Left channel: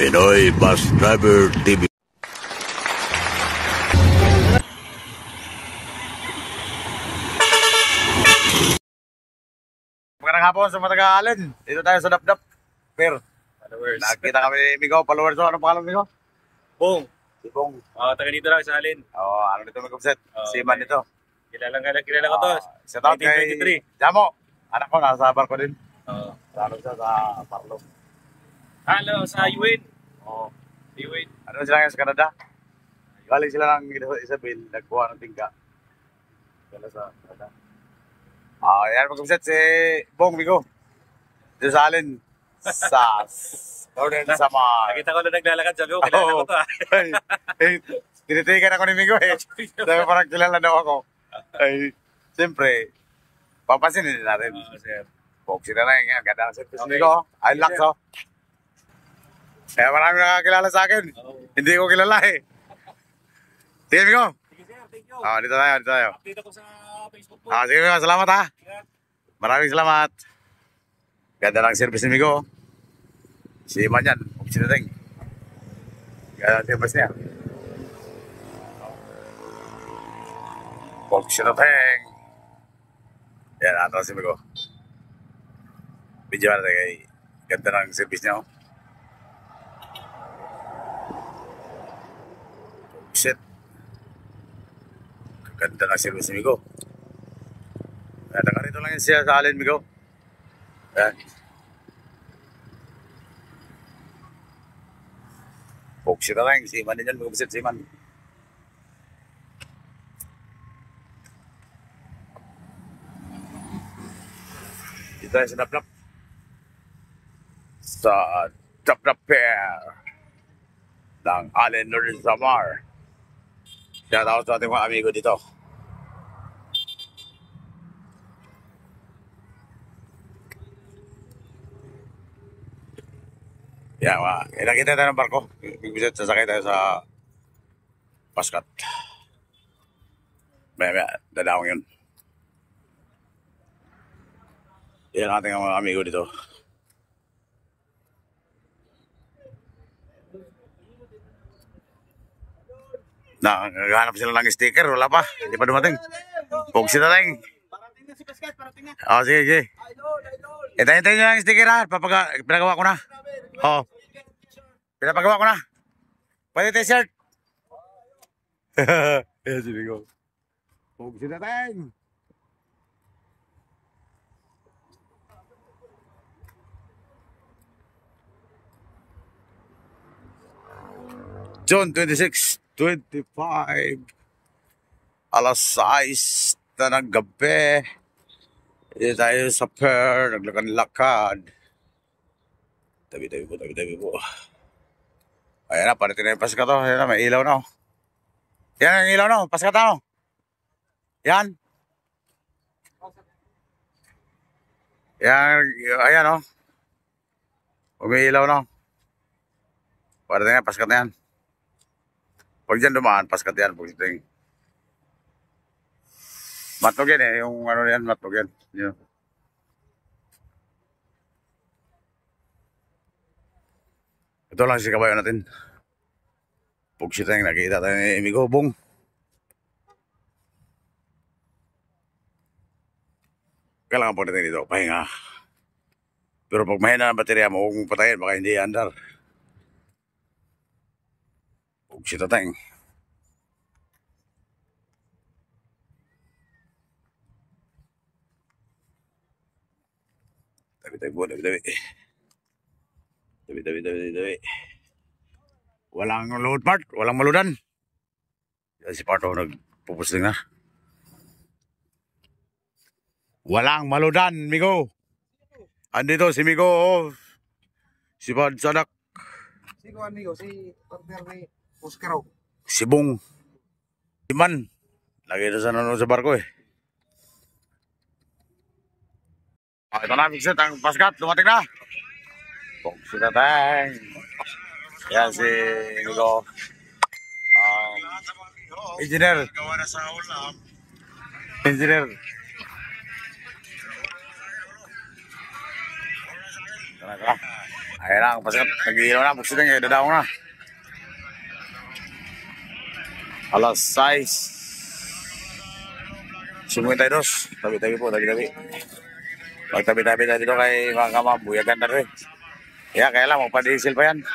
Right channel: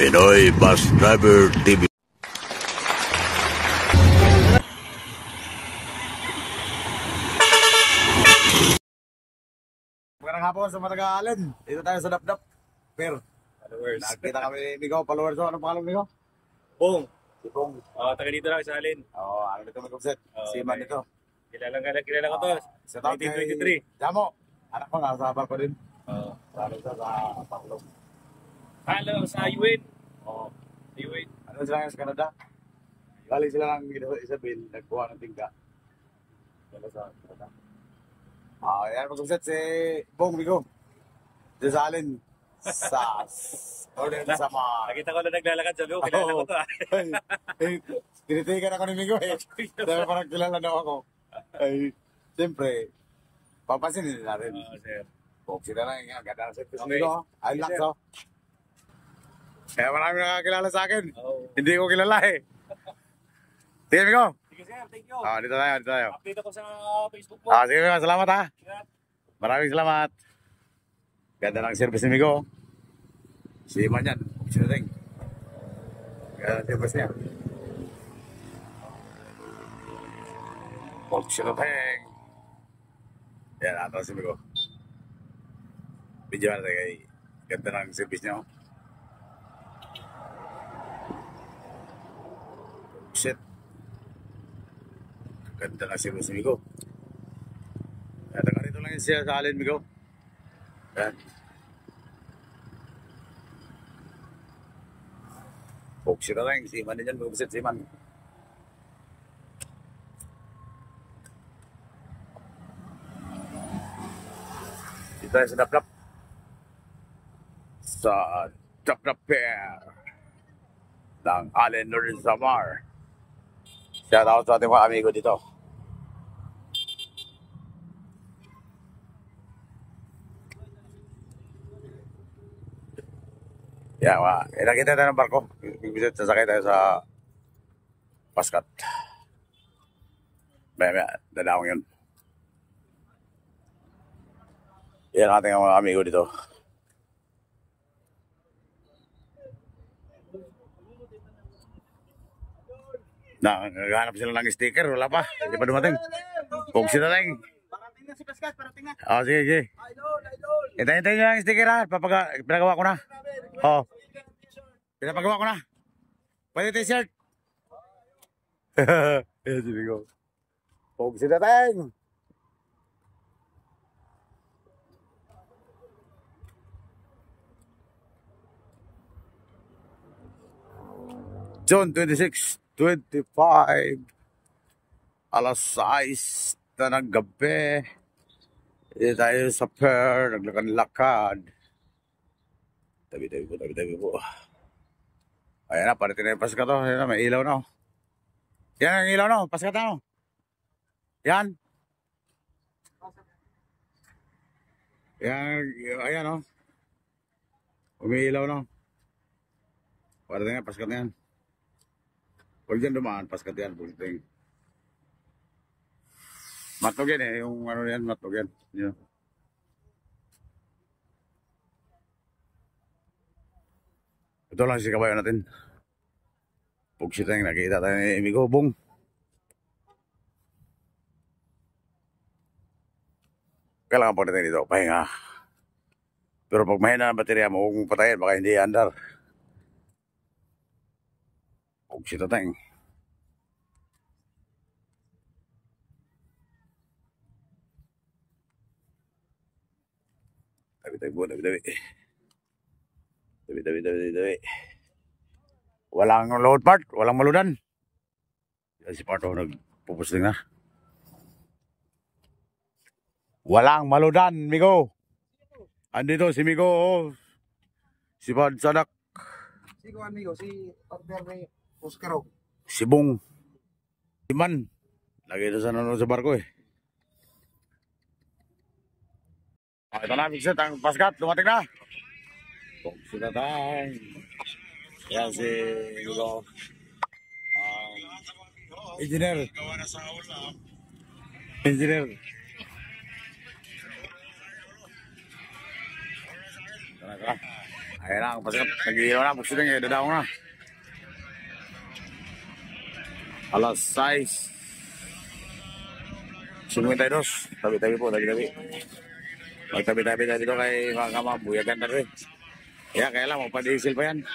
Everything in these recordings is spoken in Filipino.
Pinoy Bus Driver TV. Magandang hapon sa mga taga-Allen. Dito tayo sa Dapdap Fair. Followers. Nakikita kami ni Migo, followers. So, anong pangalan Migo? Bong. Si Bong. Taga dito lang sa Alin. Ano dito may kumset? Si Man dito. Kilala ko to. Shout out kay 1923. Jamo. Anak ko, nasa barko din. Oo. Sa siya sa Parlong. Hello, sa UWIN. Oo. UWIN. Ano sila ngayon sa Canada? Galing sila ng Isabel, nagkuha ng tingka. Dala sa Canada. Yan mag-kumset si Bong Migo. Dito sa Allen. Sa Northern Samar. Nakita ko na naglalakad sa loob. Kilala ko to. Tinitigan ako ni Migo eh. Sabi parang kilala daw ako. Ay, siyempre, papansinin din natin. Sir. Boxy na lang yan. Ganda ng service ni Migo. Ay, laks oh. Kaya marami nakakilala sa akin. Hindi ko kilala eh. Sige Migo. Sige sir, thank you. Dito tayo. Update ako sa Facebook mo. Sige Migo, salamat ha. Maraming salamat. Ganda ng service ni Migo. Si Iman yan. Boxy na lang. Ganda ng service niya. Boxy na lang. Yan, ato si Migo. Video natin kay ganda ng service niya. Shit. Ganda ng service ni Migo. Kaya taga rito lang yun siya sa Allen, Migo. Yan. Boxy na lang. Si Iman din yan. Mag-upisit si Iman. Dito tayo sa Dapdap. Sa Dapdap Fair ng Allen Northern Samar. Shout out sa ating mga amigo dito. Yan, nakita tayo ng barko. Bigbisit, sasakay tayo sa Paskat. Maya, dadawang yun. Yan ang ating mga amigo dito. Naghahanap sila ng sticker, wala pa. Hindi pa dumating. Boxy na lang. Parating na si Pascal, parating na. Sige. Hintayin nyo lang yung sticker ha. Pinagawa ko na. Pinapagawa ko na. Pwede t-shirt. Ayan si Bigo. Boxy na lang. June 26, 25, alas 6 na ng gabi. Dito tayo sa fair, naglakad-lakad. Tabi po. Ayan na, parating na yung Paskat to. Ayan na, may ilaw na. Yan ang ilaw na, Paskat na. Yan. Yan, ayan o. Umiilaw na. Parating na, Paskat na yan. Pag dyan dumaan, Paskat yan. Matnog yan eh. Yung ano yan, matnog yan. Yeah. Ito lang si kabayo natin. Pugsit na yung nakikita tayo ni Migo. Bong. Kailangan po natin dito. Pahinga. Pero pag mahina ang baterya mo, huwag mong patayin. Baka hindi andar. Pugsit na tayo. Tabi. Walang load part, walang maludan. Yan si Parto nagpupusling na. Walang maludan, Migo. Andito si Migo. Si Bad Sadak. Si Juan Migo, si partner ni Oscaro. Si Bong. Si Man. Lagi ito sa nanonood sa barko eh. Ito na, Bigset, ang Paskat, dumating na. Boxy na tayo. Yan si Migo. Engineer. Ayan na, pasikat. Nag-iilaw na. Buksit na, dadaw na. Alas 6:52. Tabi-tabi po, tabi-tabi. Magtabi-tabi tayo dito kay mga kamabuyagan na rin. Kaya lang, magpa-diesel pa yan.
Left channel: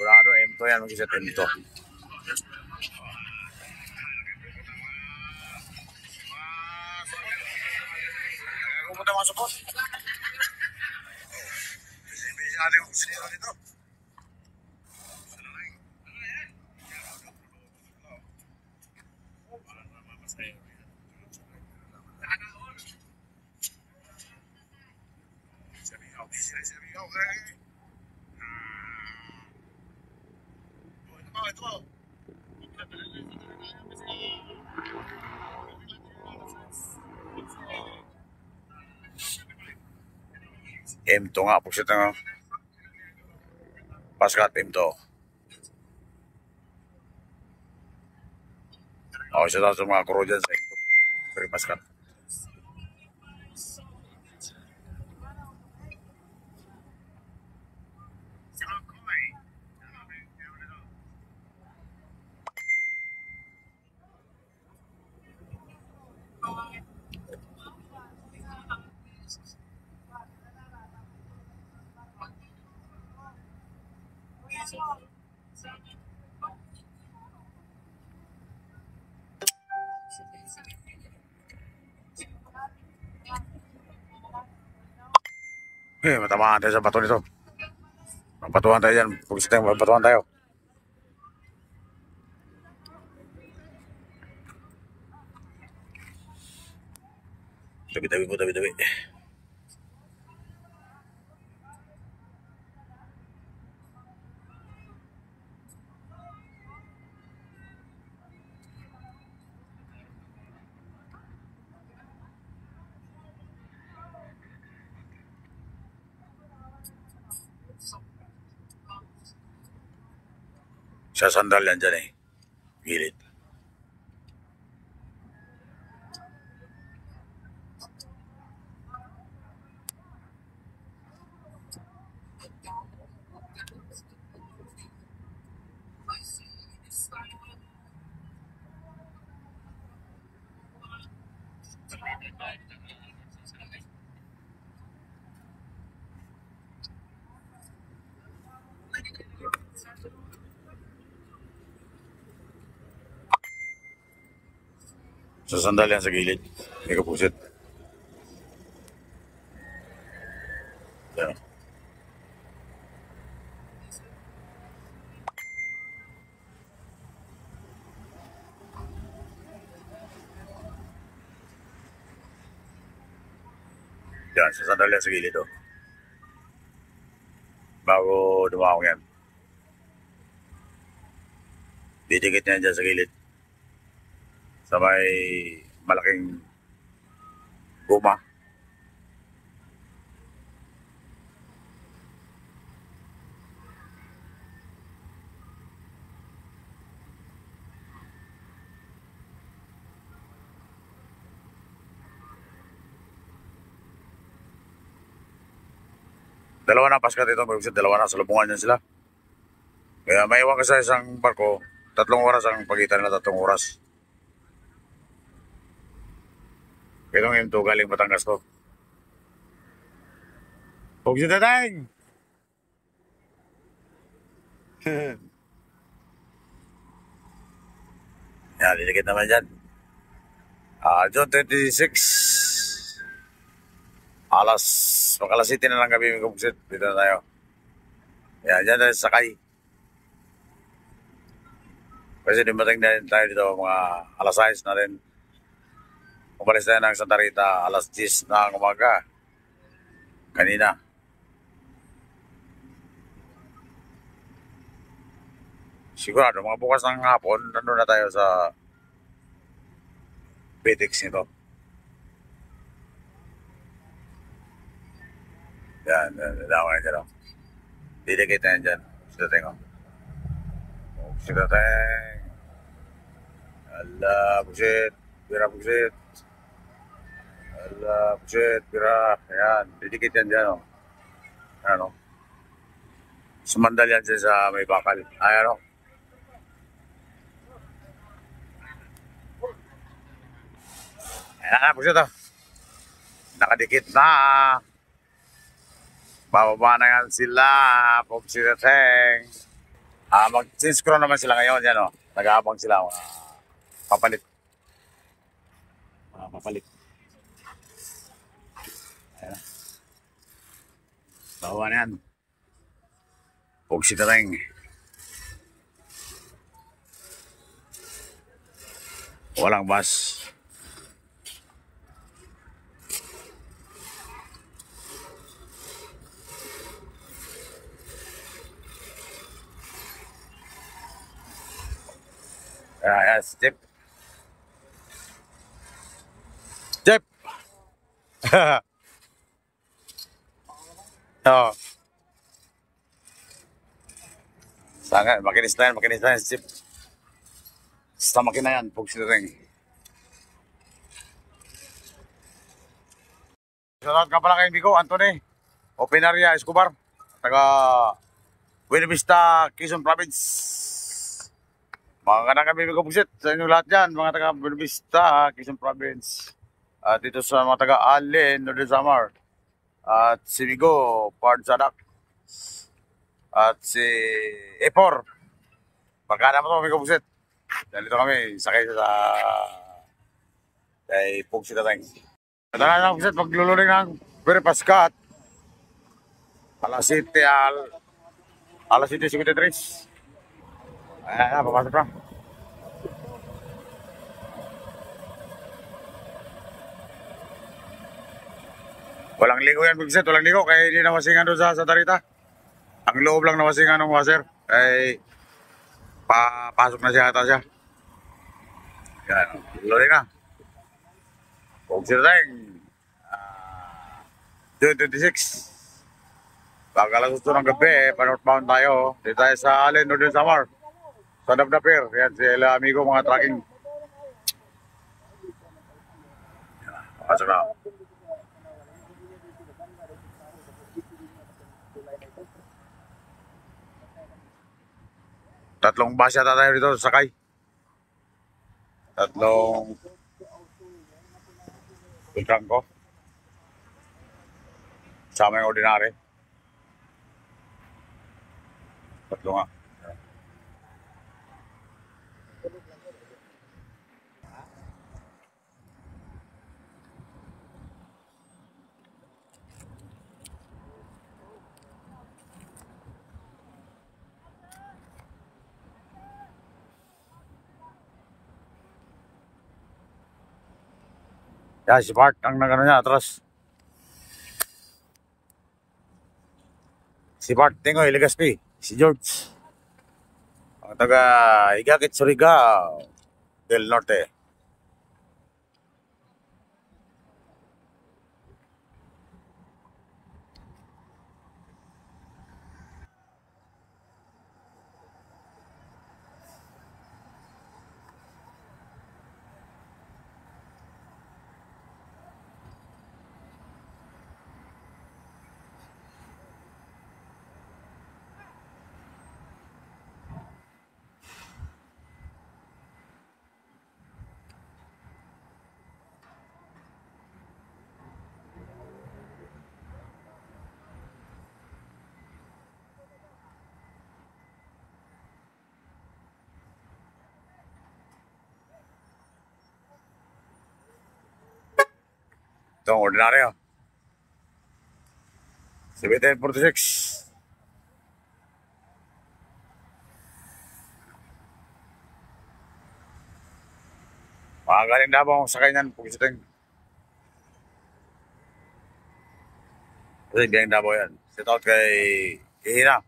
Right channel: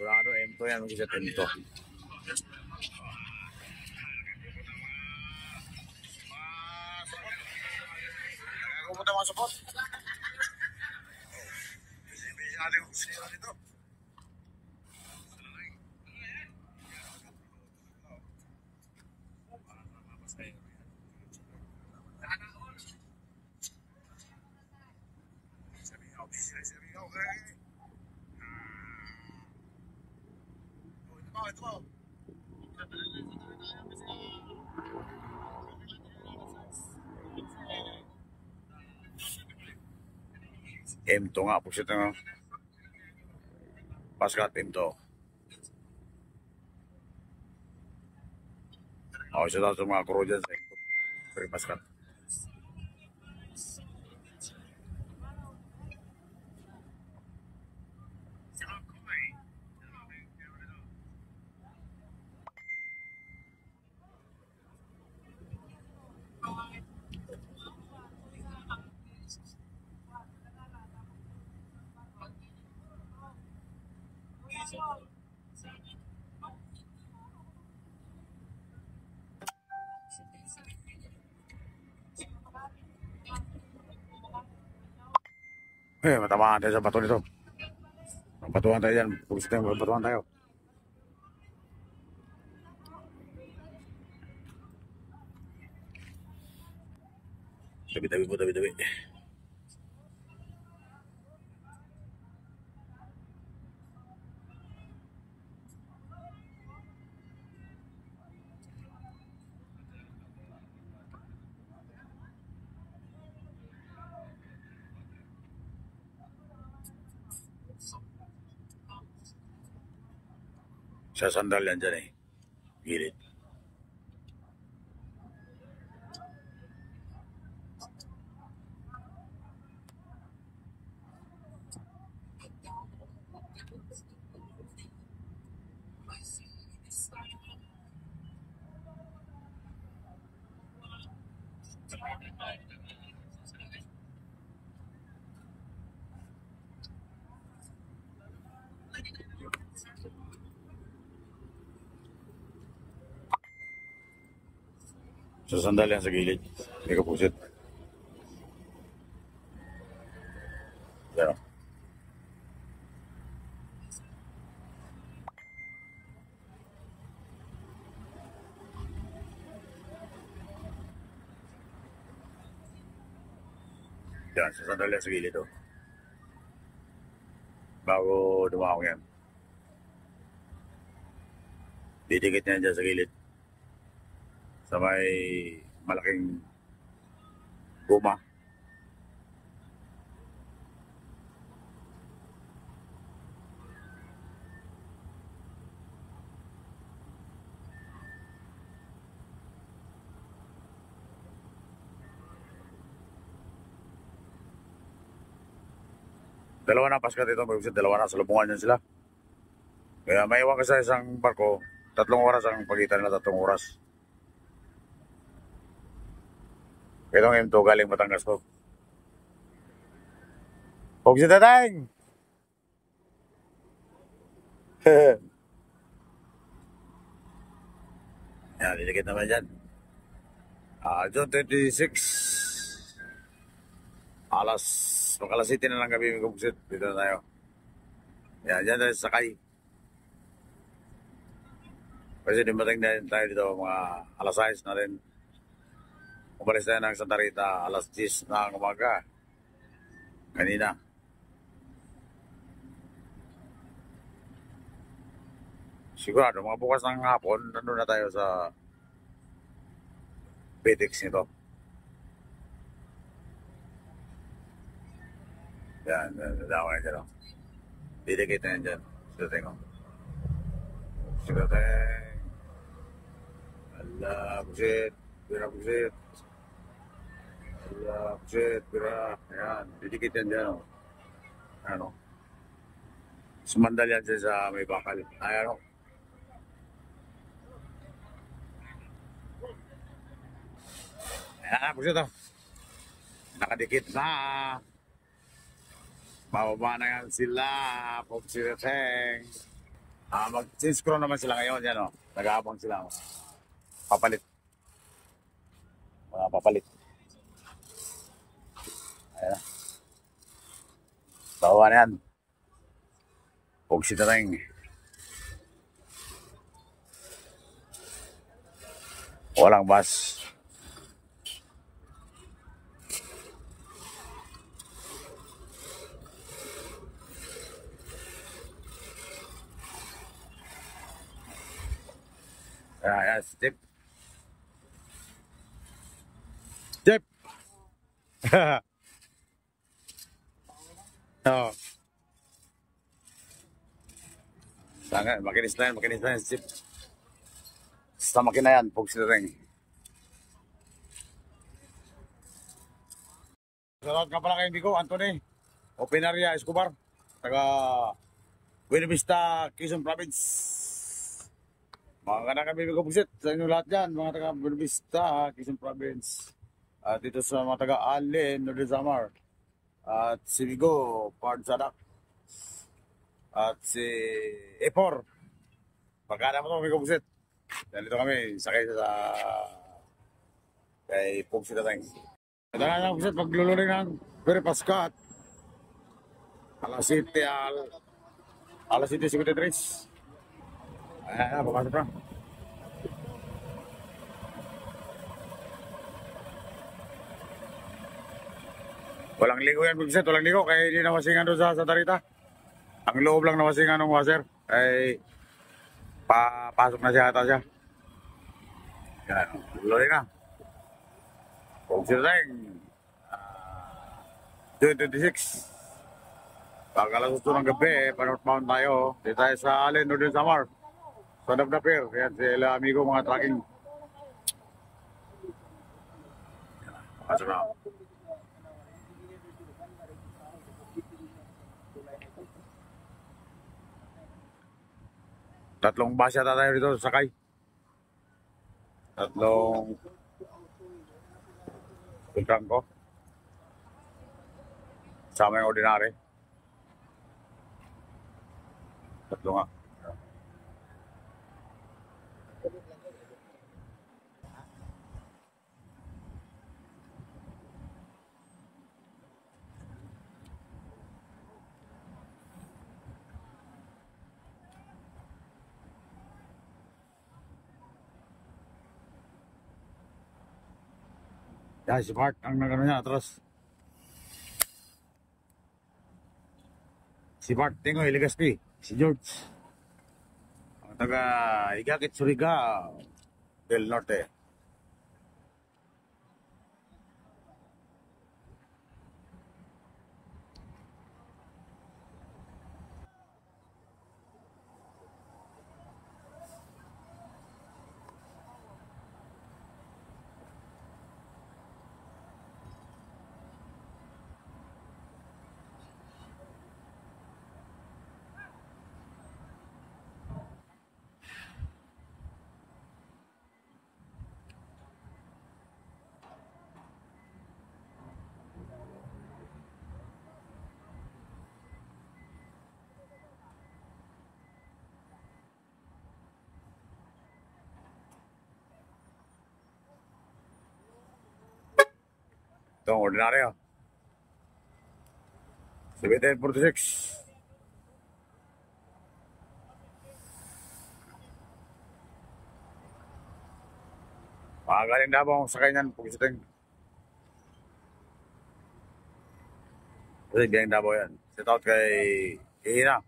Sigurado M2 yan, mag-iset M2. Pupunta mga support. Bisa natin yung sinira dito. Ito. M2 nga, pagsit nga. Paskat M2. O, isa tayo sa mga kuro dyan sa M2. Pero paskat. Matamaan tayo sa bato nito. Mapatuhan tayo dyan. Pagsit tayo, mapatuhan tayo. Tabi-tabi po, tabi-tabi. Sa sandal yan dyan eh. Gilid. Sa sandal yan sa gilid. Hindi ka pusit. Yan. Yan, sa sandal yan sa gilid oh. Bago dumawang yan. Didikit niya dyan sa gilid. Sa may malaking guma. Dalawa na paskat ito, dalawa na, salubungan yan sila. Kaya may iwan ka sa isang barko, 3 oras ang pagitan nila, 3 oras. Itong M2 galing Batangas to. Huwag si Tatang! Yan, lilikit naman dyan. June 26. Makalas City na lang gabi may kubuksit. Dito na tayo. Yan, dyan tayo sakay. Kasi dumating na rin tayo dito mga alas 6 na rin. Umalis tayo ng Santa Rita alas 10 ng umaga. Kanina. Sigurado, mga bukas ng hapon, nandun na tayo sa PTX nito. Yan, dalawa na dyan, oh. Didikit na yan dyan. Sidateng, oh. Sidateng. Ala, busit. Pira, busit. Ala, busit. Pira. Ayan, didikit yan dyan, oh. Ayan, oh. Sumandal yan dyan sa may bakal. Ayan, oh. Ayan, busit, oh. Nakadikit na. Bababa na yan sila. Pupsidateng. Mag-synchro naman sila ngayon. Yan, oh. Nag-aabang sila. Papalit. Papalit. Ayan. Bawa na yan. Pupsidateng. Walang bus. Step. Step. Oh. Sangat makinis na yan, Step. Sa makina yan, pugsidateng. Shoutout ka pala kay Bigo, Anthony. Opinaria Escobar. Taga Buena Vista, Quezon Province. Mga kanang kami Bugsit sa inyong lahat dyan, mga taga Buena Vista, Quezon Province. At dito sa mga taga Allen, Northern Samar. At si Bigo, Pard Sadak. At si E4. Pagkana mo ito, Bigo Bugsit. Dahil dito kami, sakay sa kay Pugsidateng. Ito na lang Bugsit, paglululing ng Pere Pascat. Alas 7:53. Ayan na, papasok na. Walang ligo yan, Bugsit. Walang ligo. Kaya hindi nawasingan doon sa Darita. Ang loob lang nawasingan ng washer. Kaya papasok na siya ata siya. Yan. Lori na. Pugsidateng. 2026. Pag alas 8 ng gabi, pa-northbound tayo. Dito tayo sa Allen, Northern Samar. Sa Dabdapir. Yan sila amigo mga tracking. Pasok na. Tatlong basya tayo dito sakay. Tatlong Beltrangco. Sama yung ordinary. Tatlo nga. Yan, si Bart ang nagano niya, atras. Si Bart, Tingoy, Legaspi. Si George. Ang taga Igakit, Surigao del Norte. Ito ang ordinaryo. 1746. Mga galing Davao sa kanyan, Pugsidateng. Kasi biyang Davao yan. Set out kay Ihina.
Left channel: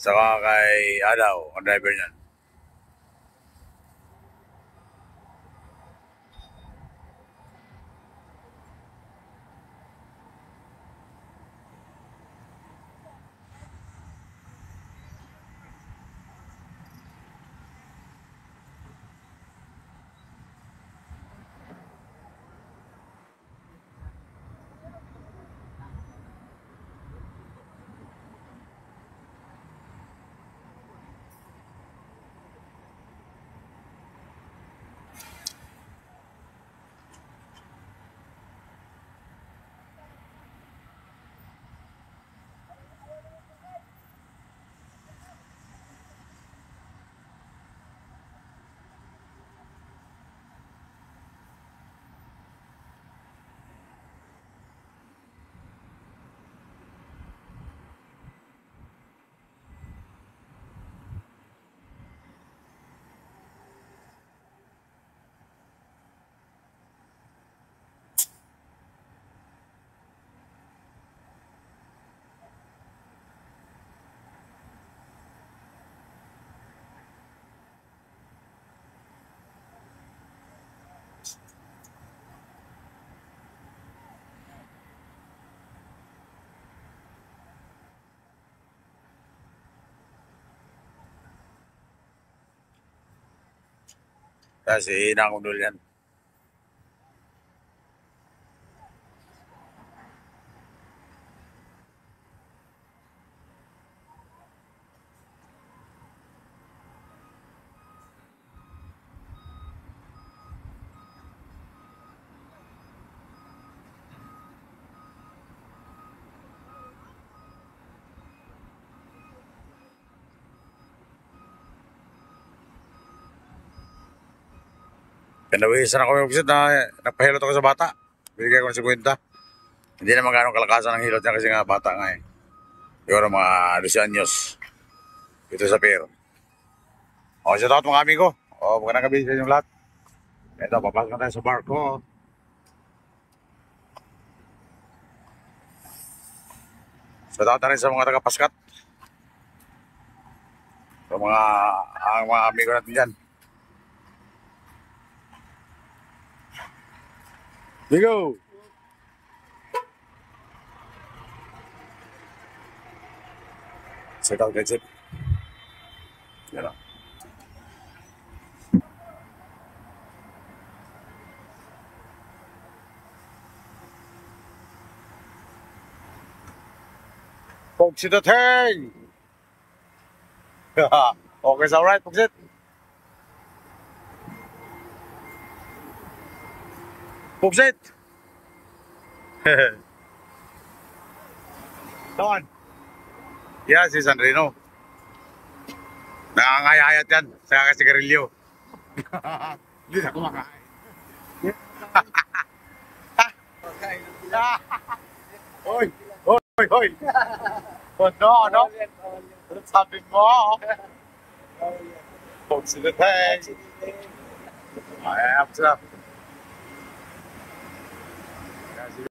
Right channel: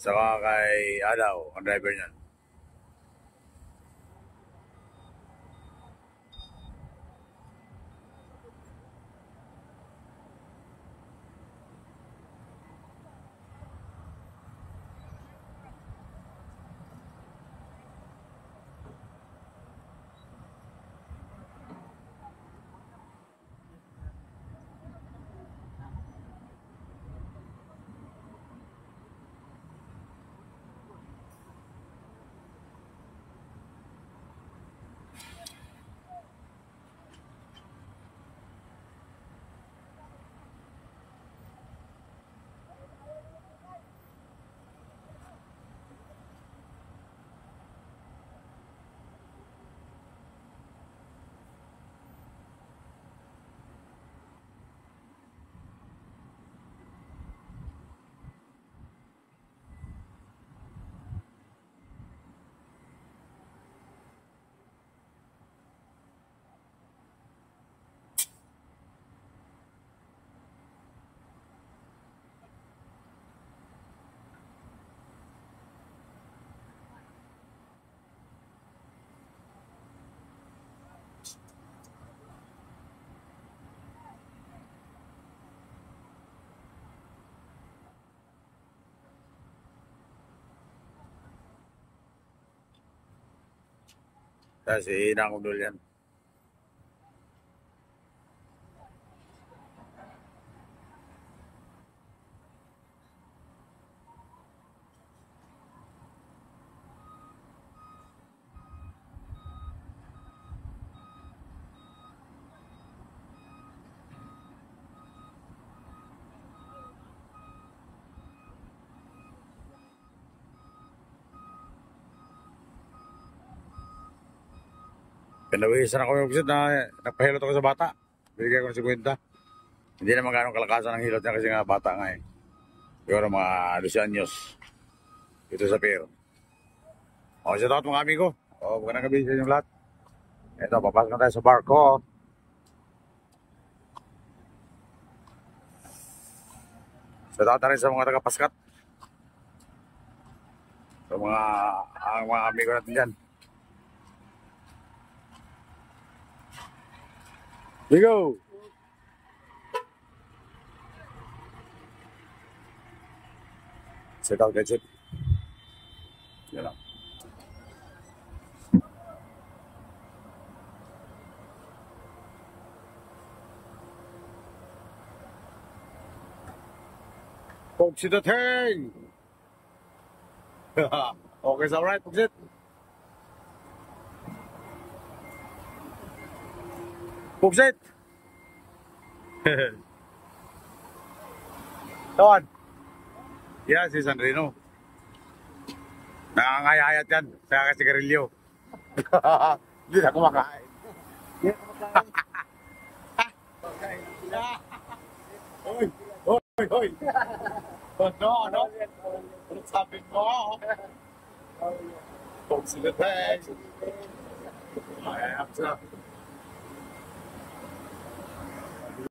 Saka kay Adaw, ang driver niyan. Kasi inangundol yan. Kanawisan ako yung na nagpahilot ako sa bata. Bigay ko ng 50. Hindi naman gano'ng kalakasan ng hilot niya kasi nga bata nga eh. Siguro mga 12 anyos. Ito sa pier. O, shout out mga amigo. O, magandang gabi sa inyong lahat. Ito, papasok na tayo sa barko. Shout out na rin sa mga taga-Paskat. Sa mga amigo natin dyan. Ligo! Shout out guys. Yan lang. Pugsit at hang! Okay, it's alright, Pugsit. Pugsit! Don! Yeah, si Sandrino. Nakangayayat yan sa kasigarilyo. Hindi na kumakain. Hoy! Hoy! Hoy! Ano? Ano sabi mo? Pugsit at hang! Ay, sila.